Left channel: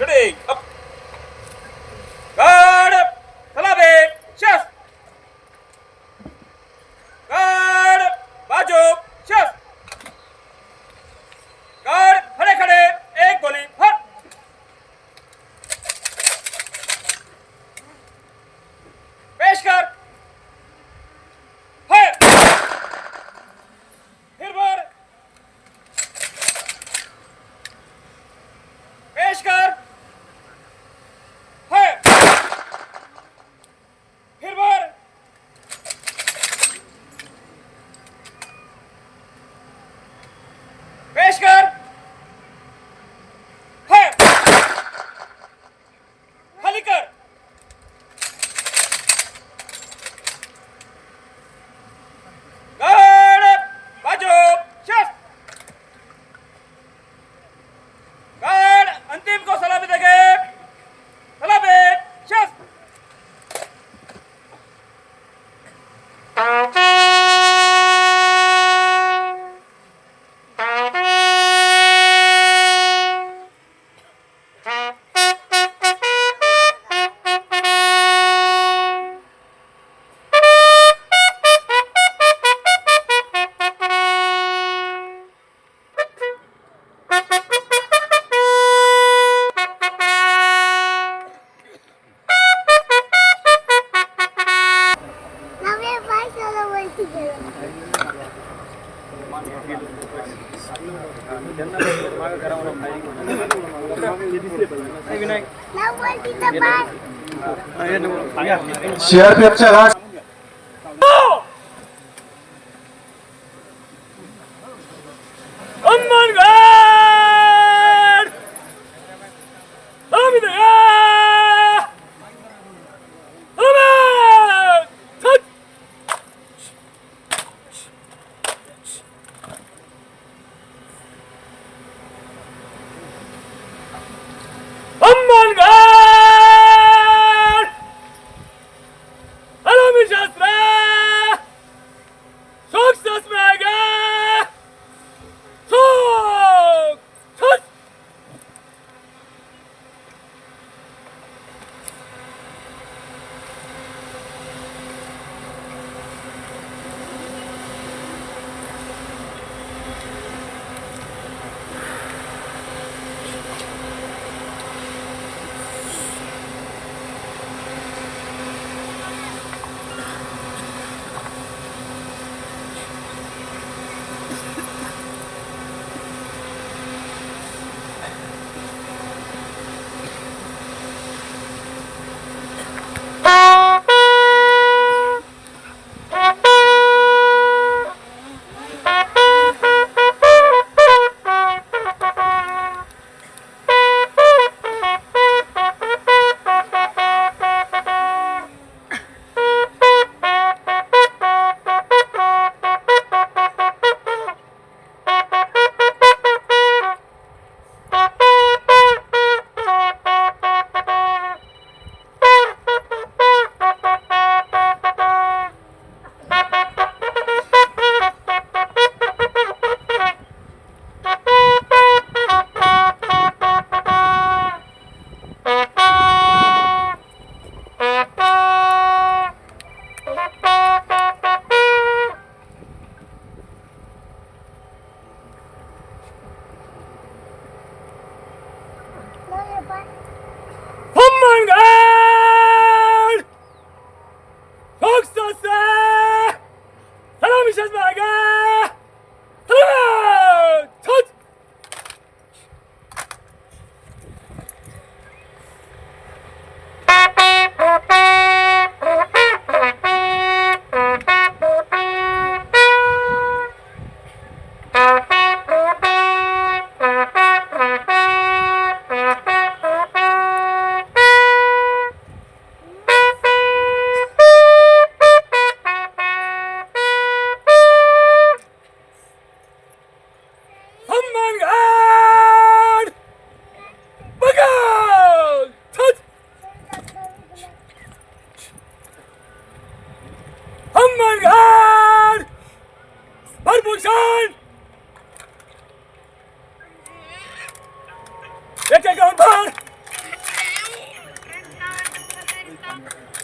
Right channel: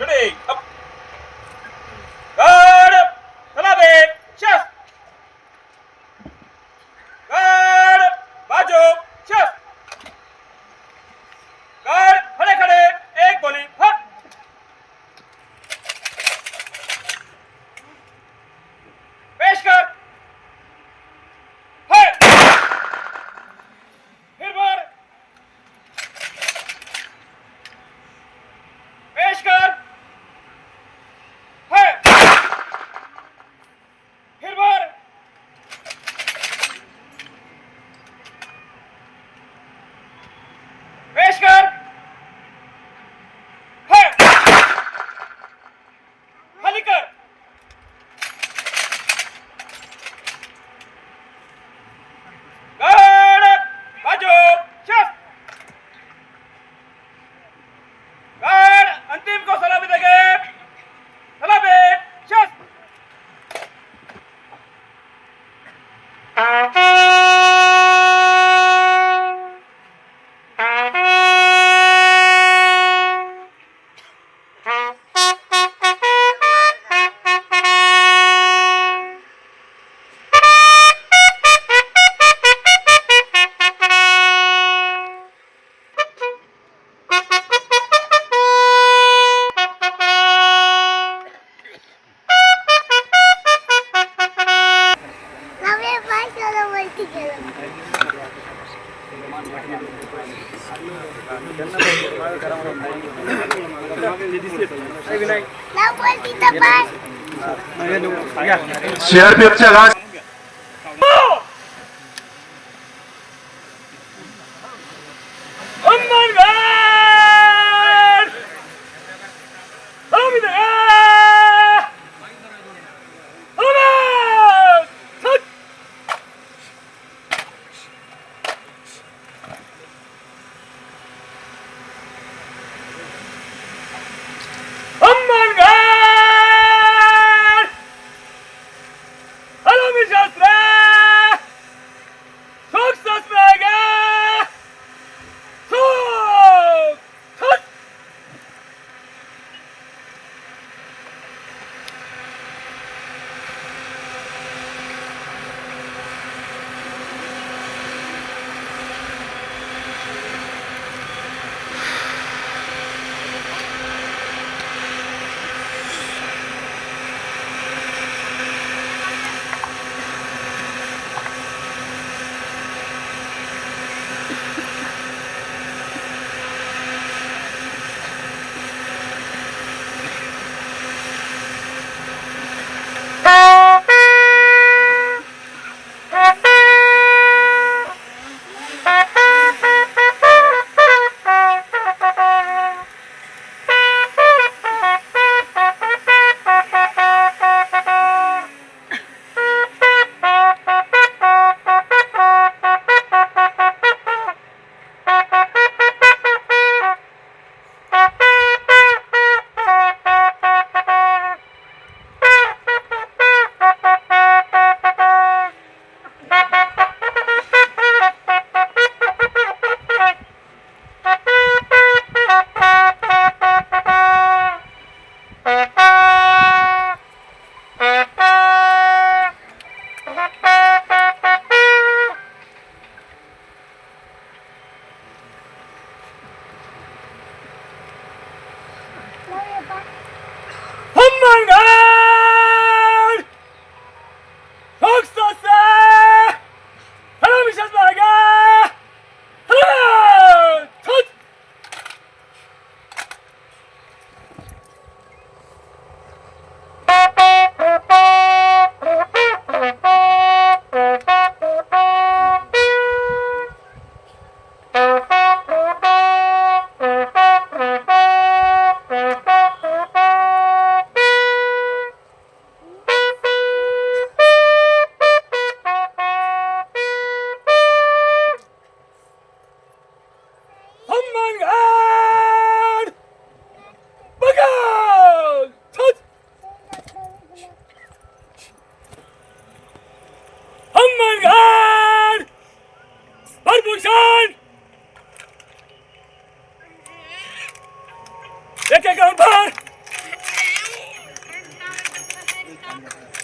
Ready, up. सीआरपीएफच्या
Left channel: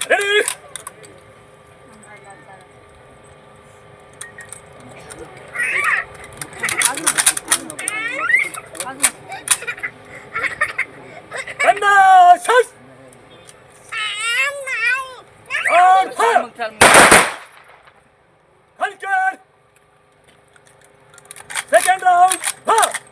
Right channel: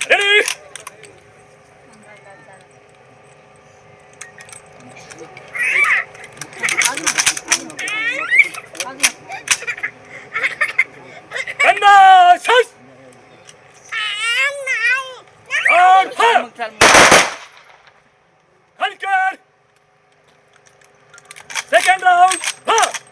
레디! 간다! 샷! 안타 한칸 세컨드 라운드! 파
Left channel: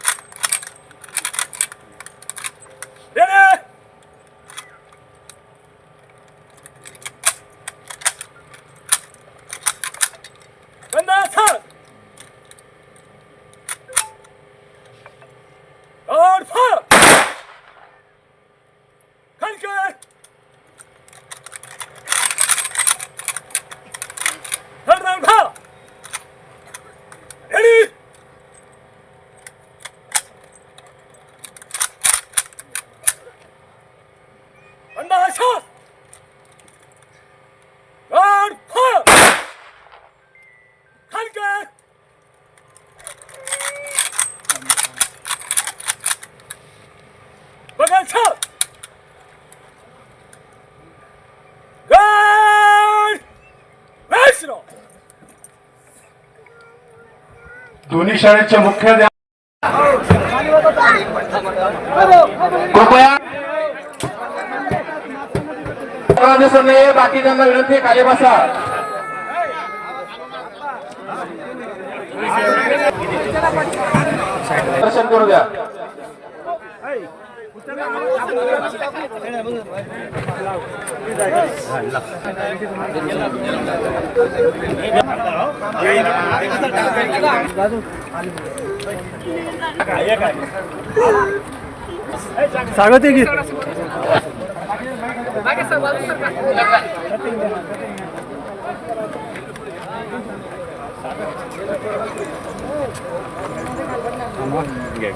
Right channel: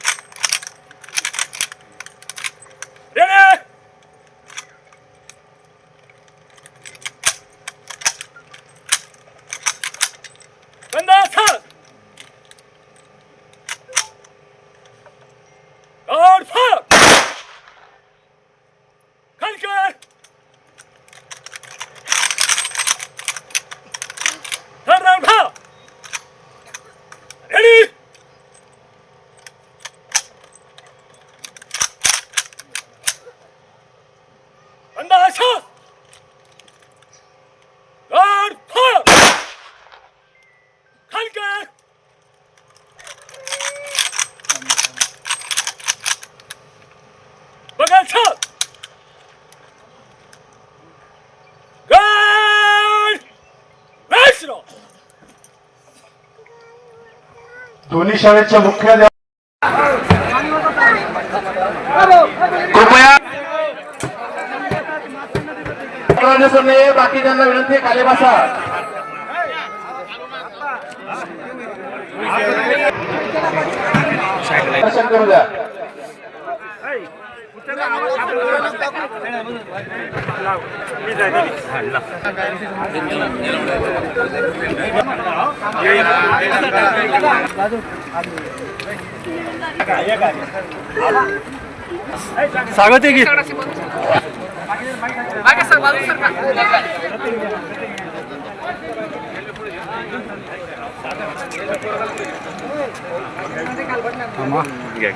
दोन्ही शाळेच्या मुख्याध्यापक कृपया. सरले बाकीच्यांना विनंती आहे, खाली बसा. दर्शन करू द्या. सांगते की? घ्या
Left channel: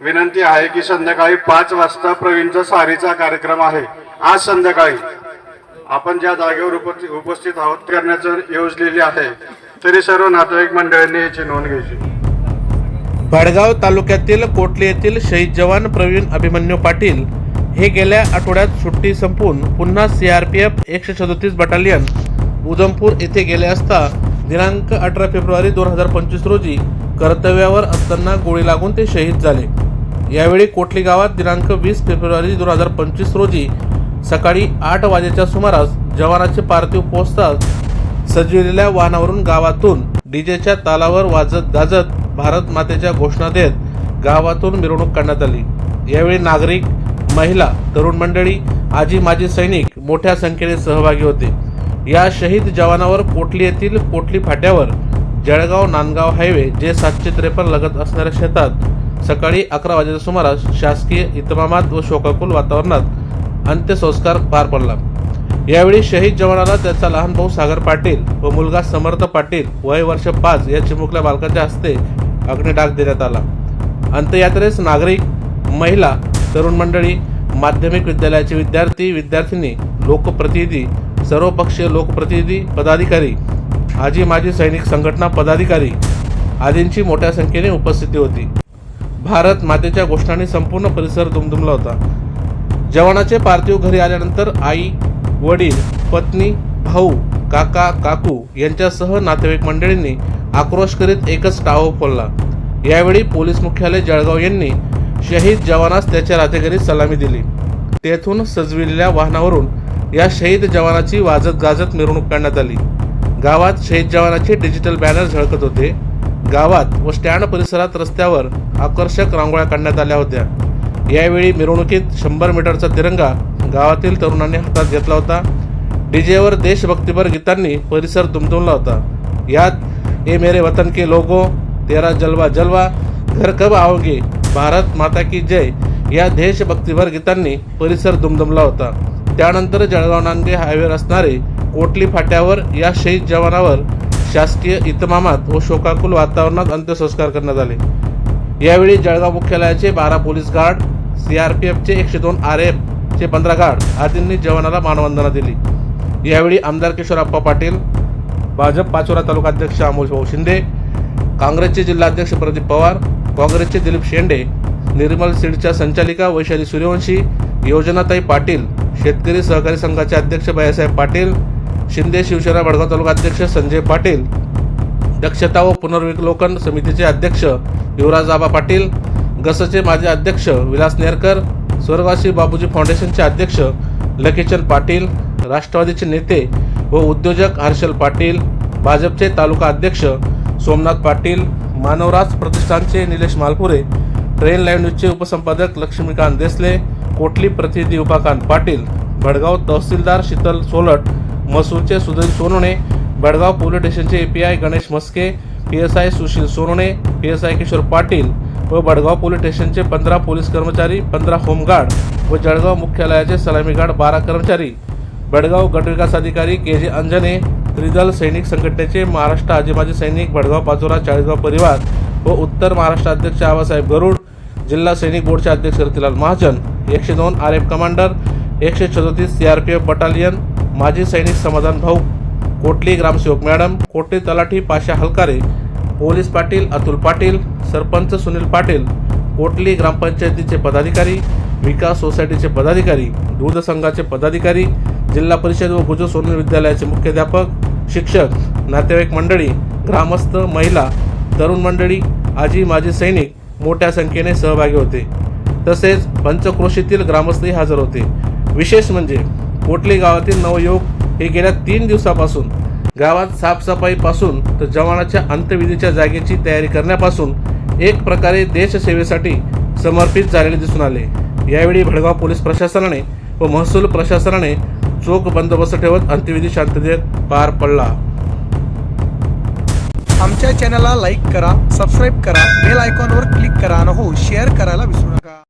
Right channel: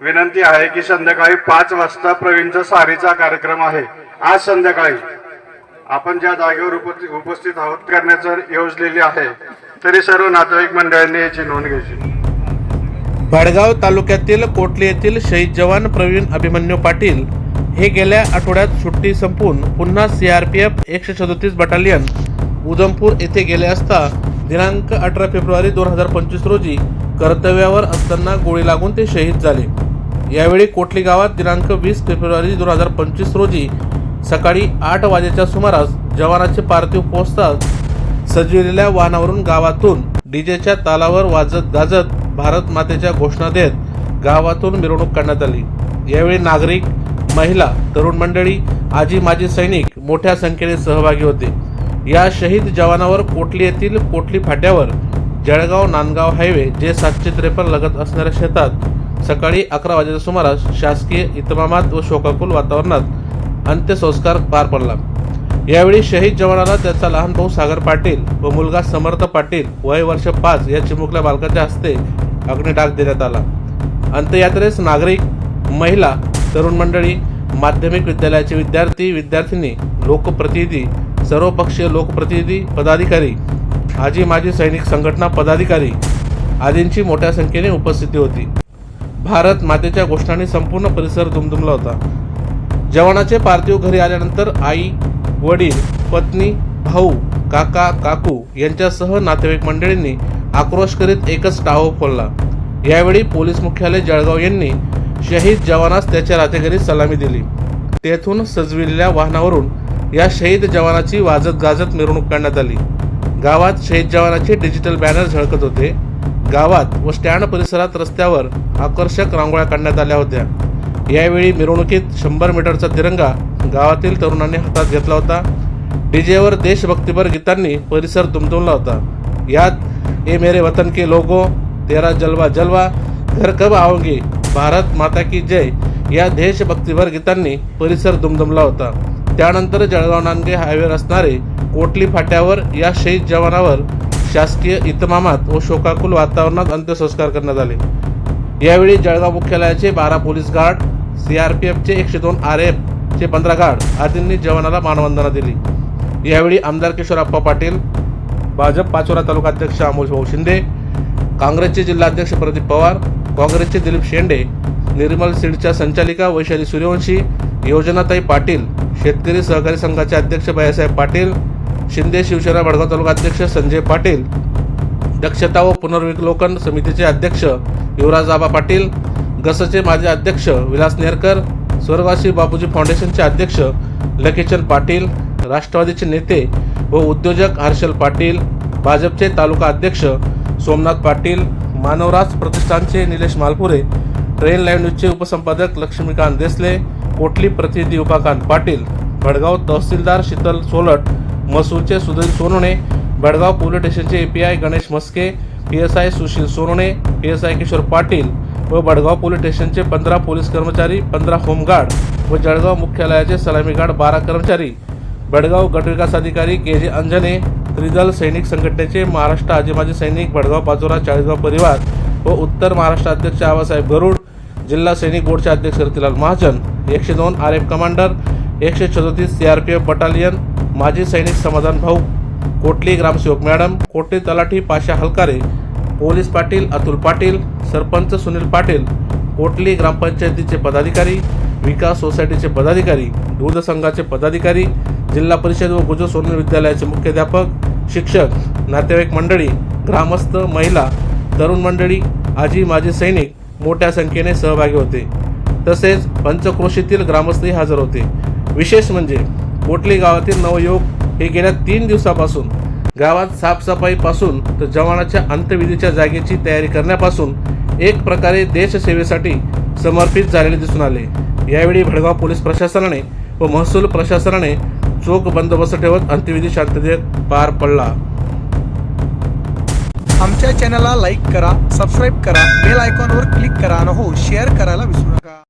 विनंती आहे की संध्याकाळी पाच वाजता प्रवीणचा सारीचा कार्यक्रम आहे. आज संध्याकाळी आपण ज्या जागेवर उपस्थित उपस्थित आहोत करण्याचं योजलेली आहे. तरी सर्व नातेवाईक मंडळांनी याची नोंद घ्यायची. भडगाव तालुक्यातील कोटली येथील शहीद जवान प्रवीण अभिमन्यू पाटील हे गेल्या आठवड्यात सुट्टी संपून पुन्हा सीआरपीएफ एकशे सदोतीस बटालियन उधमपूर येथे गेले असता दिनांक अठरा फेब्रुवारी दोन हजार पंचवीस रोजी कर्तव्यावर असताना गोळी लागून ते शहीद झाले. यावेळी कोटली गावात दिनांक वीस फेब्रुवारी दोन हजार पंचवीस रोजी सकाळी आठ वाजेच्या सुमारास जवानाचे पार्थिव पोहोचताच सजविलेल्या वाहनावरून गावातून डीजेच्या तालावर वाजत गाजत भारत मातेच्या घोषणा देत गावातून मिरवणूक काढण्यात आली. यावेळी नागरिक महिला तरुण मंडळी आजी माजी सैनिक मोठ्या संख्येने सहभागी होते. या शहीद जवानावर कोटली येथील कोटली फाट्यावर जळगाव नांदगाव हायवे जे सातशे त्रेपन्न लगत असणाऱ्या शेतात सकाळी अकरा वाजेच्या सुमारास शासकीय इतमामात व शोकाकुल वातावरणात अंत्यसंस्कार पार पडला. यावेळी शहीद जवानाला त्याचा लहान भाऊ सागर पाटील व मुलगा समर्थ पाटील वय वर्ष पाच या चिमुकल्या बालकाच्या हस्ते अग्निडाग देण्यात आला. अंत्ययात्रेस नागरिक महिला तरुण मंडळी माध्यमिक विद्यालयाचे विद्यार्थी विद्यार्थिनी लोकप्रतिनिधी सर्वपक्षीय लोकप्रतिनिधी पदाधिकारी आजी माजी सैनिक संघटना पदाधिकारी आदींची मोठ्या संख्येने उपस्थिती होती. भारत मातेच्या घोषणाने संपूर्ण परिसर दुमदुमला होता. जवानाचे पार्थिव घरी आल्यानंतर आई वडील पत्नी भाऊ काका काकू यांच्यासह नातेवाईक मंडळींनी आक्रोश करीत एकच टाहो फोडला. यावेळी पोलीस मुख्यालय जळगाव यांनी शहीद जवानास त्याच्या रातेघरी सलामी दिली. तेथून सजविलेल्या वाहनावरून या शहीद जवानाची वाजत गाजत मिरवणूक काढण्यात आली. गावात शहीद जवानाचे डिजिटल बॅनर झळकत होते. गावात व स्टँड परिसरात रस्त्यावर आकर्षक रांगोळ्या काढण्यात आल्या होत्या. यावेळी मिरवणुकीत शंभर मीटरचा तिरंगा गावातील तरुणांनी हातात घेतला होता. डीजेवर देशभक्तीपर गीतांनी परिसर दुमदुमला होता. यात ए मेरे वतन के लोगो तेरा जलवा जलवा घर कब आओगे? भारत माता की जय. या देशभक्तीपर गीतांनी परिसर दुमदुमला होता. त्यानंतर जळगाव नांदगे हायवेवर असणारे कोटली फाट्यावर या शहीद जवानावर शासकीय इतमामात व शोकाकुल वातावरणात अंत्यसंस्कार करण्यात आले. यावेळी जळगाव मुख्यालयाचे बारा पोलीस गार्ड सीआरपीएफचे एकशे दोन आर एफ चे पंधरा गार्ड आदींनी जवानाला मानवंदना दिली. यावेळी आमदार किशोरप्पा पाटील भाजप पाचोरा तालुका अध्यक्ष अमोल भाऊ शिंदे काँग्रेसचे जिल्हाध्यक्ष प्रदीप पवार काँग्रेसचे दिलीप शेंडे निर्मल सीडच्या संचालिका वैशाली सूर्यवंशी योजनाताई पाटील शेतकरी सहकारी संघाचे अध्यक्ष बायासाहेब पाटील शिंदे शिवसेना वडगाव तालुका अध्यक्ष संजय पाटील दक्षता व पुनर्विलोकन समितीचे अध्यक्ष युवराज आबा पाटील गसचे माजी अध्यक्ष विलास नेरकर स्वर्गवासी बापूजी फाउंडेशनचे अध्यक्ष लकीचंद पाटील राष्ट्रवादीचे नेते व उद्योजक हर्षल पाटील भाजपचे तालुका अध्यक्ष सोमनाथ पाटील मानवराज प्रतिष्ठानचे निलेश मालपुरे ट्रेन लाईव्ह न्यूजचे उपसंपादक लक्ष्मीकांत देसले कोटली प्रतिनिधी उपाकांत पाटील भडगाव तहसीलदार शीतल सोलट मसूरचे सुधीर सोनवणे भडगाव पोलीस स्टेशनचे A P I Ganesh Maske P S I Sushil Sonawane P S I Kishor Patil व बडगाव पोलीस स्टेशनचे पंधरा पोलीस कर्मचारी पंधरा होमगार्ड व जळगाव मुख्यालयाचे सलामी गार्ड बारा कर्मचारी. बडगाव गटविकास अधिकारी के जे अंजने त्रिदल सैनिक संघटनेचे महाराष्ट्र आजी माजी सैनिक भडगाव पाचोरा चाळीसगाव परिवार व उत्तर महाराष्ट्र अध्यक्ष आबासाहेब गरुड जिल्हा सैनिक बोर्डचे अध्यक्ष रतीलाल महाजन एकशे दोन आर एफ कमांडर एकशे सदोतीस C R P F battalion माजी सैनिक समाधान भाऊ कोटली ग्रामसेवक मॅडम कोटली तलाठी पाशा हलकारे पोलीस पाटील अतुल पाटील सरपंच सुनील पाटील कोटली ग्रामपंचायतीचे पदाधिकारी विकास सोसायटीचे पदाधिकारी दूध संघाचे पदाधिकारी जिल्हा परिषद व गुजर सोनल विद्यालयाचे मुख्याध्यापक शिक्षक नातेवाईक मंडळी ग्रामस्थ महिला तरुण मंडळी आजी माजी सैनिक मोठ्या संख्येने सहभागी होते. तसेच पंचक्रोशीतील ग्रामस्थही हजर होते. विशेष म्हणजे कोटली गावातील नवयुवक हे गेल्या तीन दिवसापासून गावात साफसफाईपासून तर जवानाच्या अंत्यविधीच्या जागेची तयारी करण्यापासून एक प्रकारे देशसेवेसाठी समर्पित झालेले दिसून आले. यावेळी भडगाव पोलीस प्रशासनाने व महसूल प्रशासनाने चोख बंदोबस्त ठेवत अंत्यविधी शांततेत पार पडला. आमच्या चॅनलला लाईक करा सबस्क्राईब करा बेल आयकॉनवर क्लिक करा आणि हो शेअर करायला विसरू नका.